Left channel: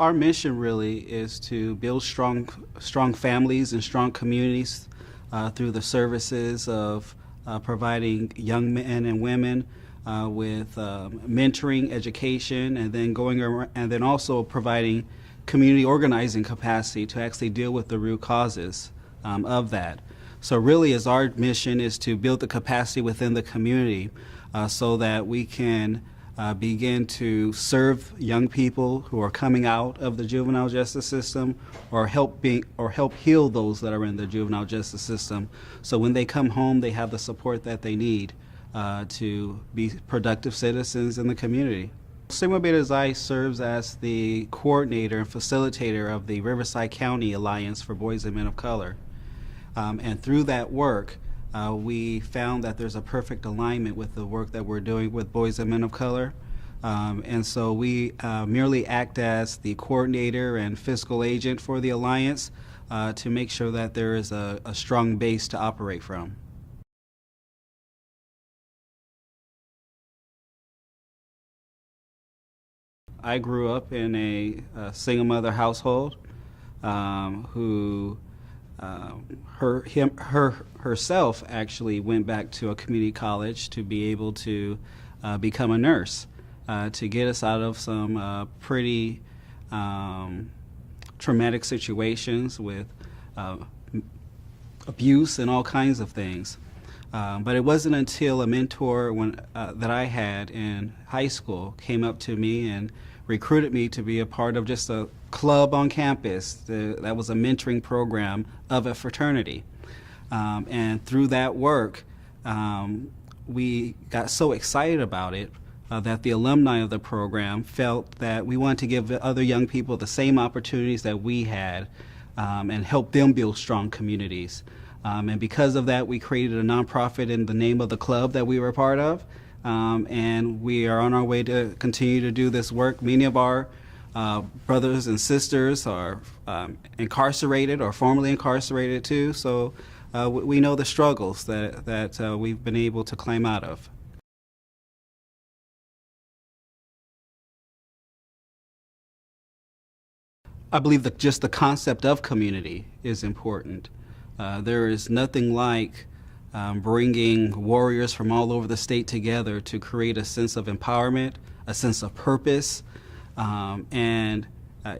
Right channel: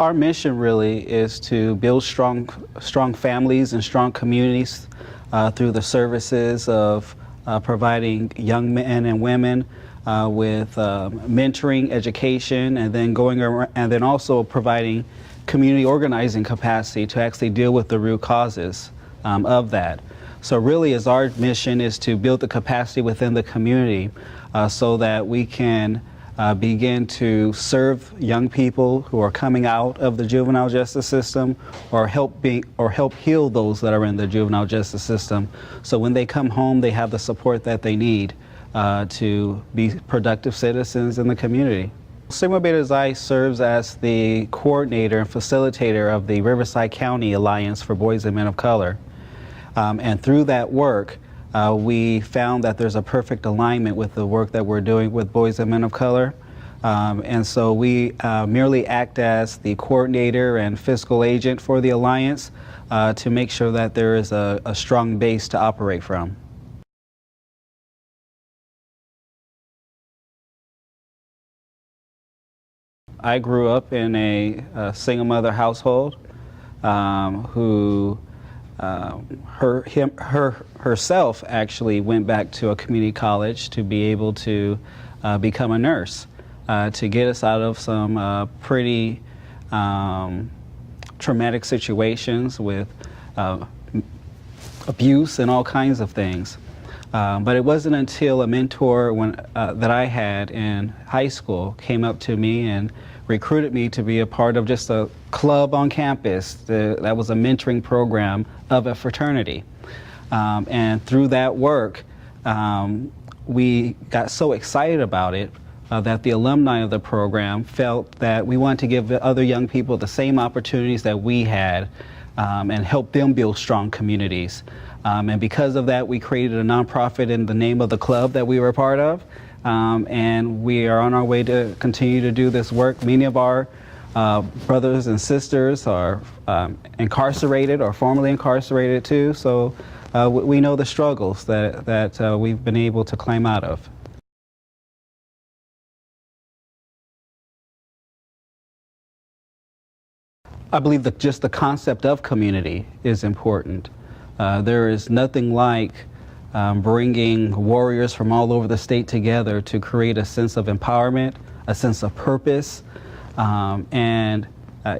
Our mission really is to build strong families and strong communities through the services of providing young men and women with mentoring, education, and then also providing community organizing capacity to actually deal with the root causes of that. So really, our mission is to build the capacity within the community so that we can begin to serve young people who are coming out of the juvenile justice system, or help heal those that are in the juvenile justice system, so when they come home they have the support that they need to be productive citizens in the community. Sigma Beta Xi serves as the coordinator and facilitator of the Riverside County Alliance for Boys and Men of Color. And through that work, we found that there's a perfect alignment with the work that we're doing with boys and men of color. And so we merely act as the coordinator and fiscal agent for the Alliance to make sure that there is a strong base to operate from. I grew up in a single mother household who herself actually went back to a community college to be able to become a nurse, to get us out of some pretty traumatic situations with abuse and all kinds of things. But it wasn't until a mentor that I had in high school came up to me and recruited me to be a part of just a club on campus that was a mentoring program of a fraternity. And through that work, we got so excited about it that the alumni of the program felt that we wanted to give other young people the same opportunities that we had and help them build strong communities. And because of that, we created a nonprofit in the name of the club that we were a part of. And we are on our way to continue to do this work. Many of our brothers and sisters are incarcerated or formerly incarcerated too, so we know the struggles that we've been able to climb out of. I believe that just the concept of community is important. There is nothing like bringing warriors from all over the state together to create a sense of empowerment, a sense of purpose, and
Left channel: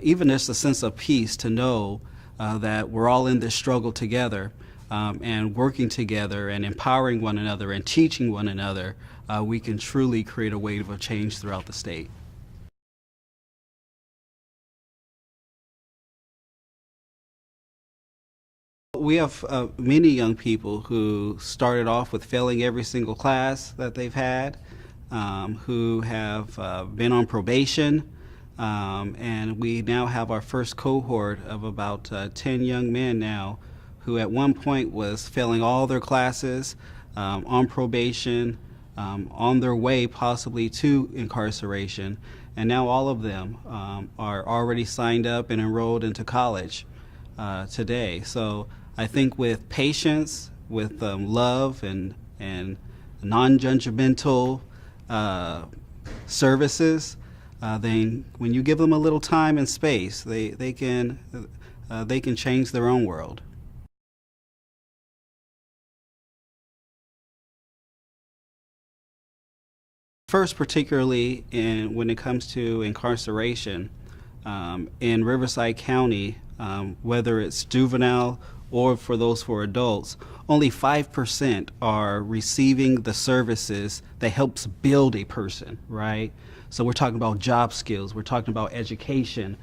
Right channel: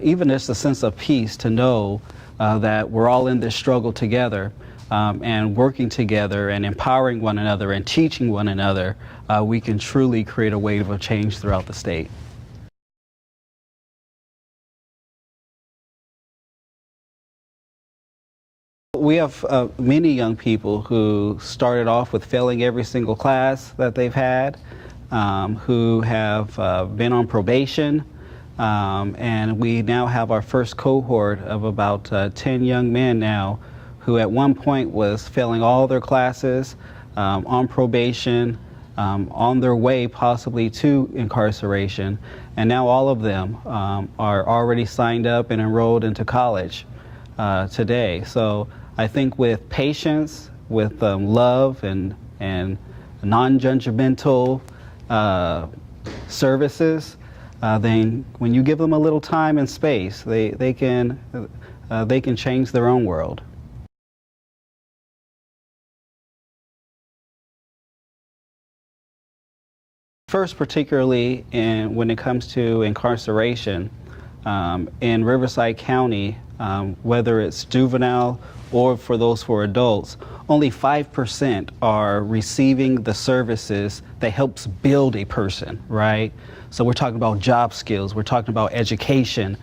even just a sense of peace to know that we're all in this struggle together, and working together and empowering one another and teaching one another, we can truly create a wave of change throughout the state. We have many young people who started off with failing every single class that they've had, who have been on probation, and we now have our first cohort of about 10 young men now who at one point was failing all their classes, on probation, on their way possibly to incarceration, and now all of them are already signed up and enrolled into college today. So I think with patience, with love and non-judgmental services, then when you give them a little time and space, they can change their own world. First, particularly when it comes to incarceration, in Riverside County, whether it's juvenile or for those for adults, only 5% are receiving the services that helps build a person, right? So we're talking about job skills, we're talking about education,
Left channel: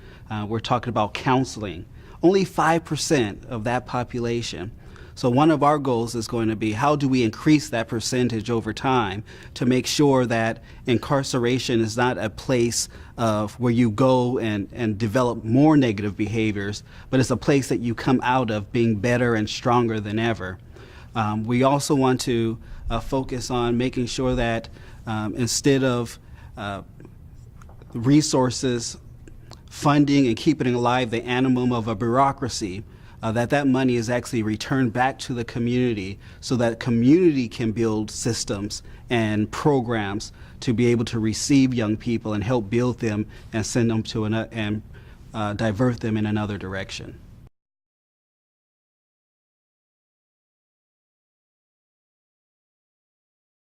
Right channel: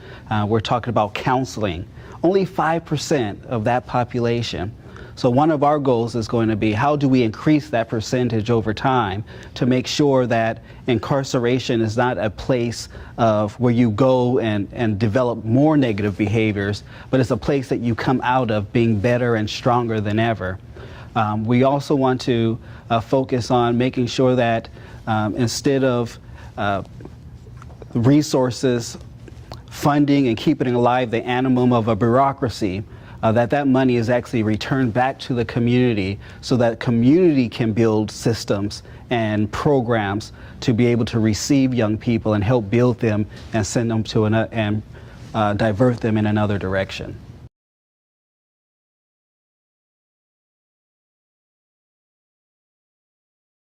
we're talking about counseling. Only 5% of that population. So one of our goals is going to be, how do we increase that percentage over time to make sure that incarceration is not a place of where you go and develop more negative behaviors, but it's a place that you come out of being better and stronger than ever. We also want to focus on making sure that instead of resources, funding and keeping alive the animum of a bureaucracy, that money is actually returned back to the community so that community can build systems and programs to be able to receive young people and help build them and send them to and divert them in another direction.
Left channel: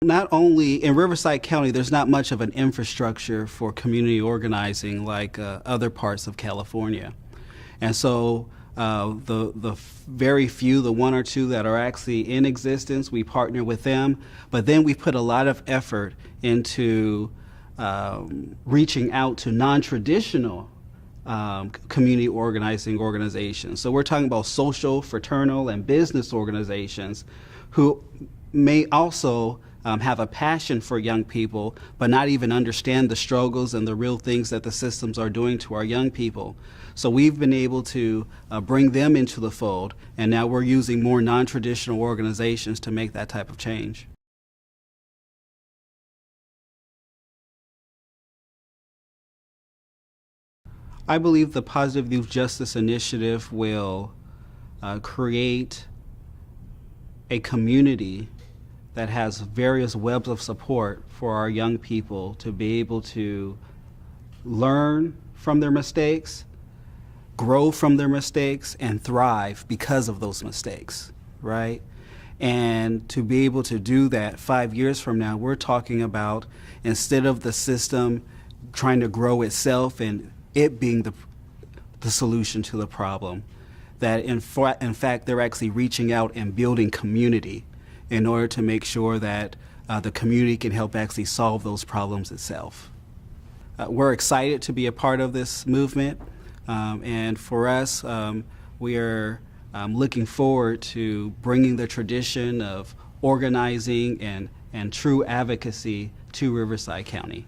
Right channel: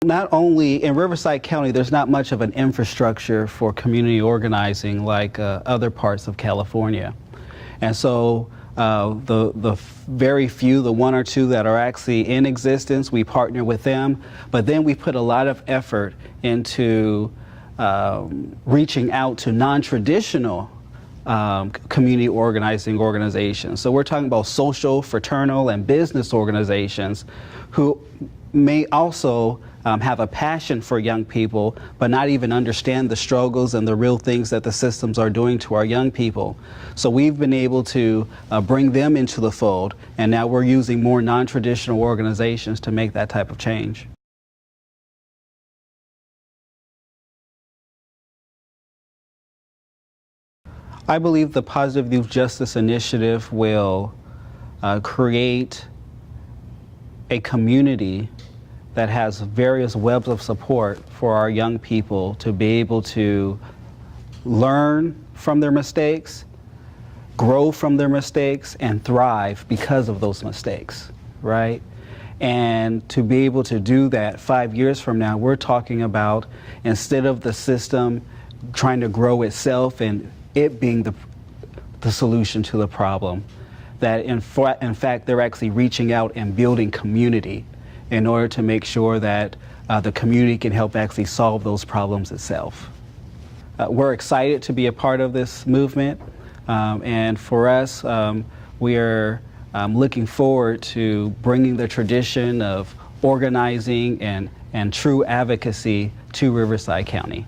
Not only in Riverside County, there's not much of an infrastructure for community organizing like other parts of California. And so the very few, the one or two that are actually in existence, we partner with them. But then we put a lot of effort into reaching out to non-traditional community organizing organizations. So we're talking about social, fraternal, and business organizations who may also have a passion for young people, but not even understand the struggles and the real things that the systems are doing to our young people. So we've been able to bring them into the fold, and now we're using more non-traditional organizations to make that type of change. I believe the Positive Youth Justice Initiative will create a community that has various webs of support for our young people to be able to learn from their mistakes, grow from their mistakes, and thrive because of those mistakes, right? And to be able to do that 5 years from now, we're talking about, instead of the system trying to grow itself and it being the solution to the problem, that in fact they're actually reaching out and building community in order to make sure that the community can help actually solve those problems itself. We're excited to be a part of this movement, and for us, we are looking forward to bringing the tradition of organizing and true advocacy to Riverside County.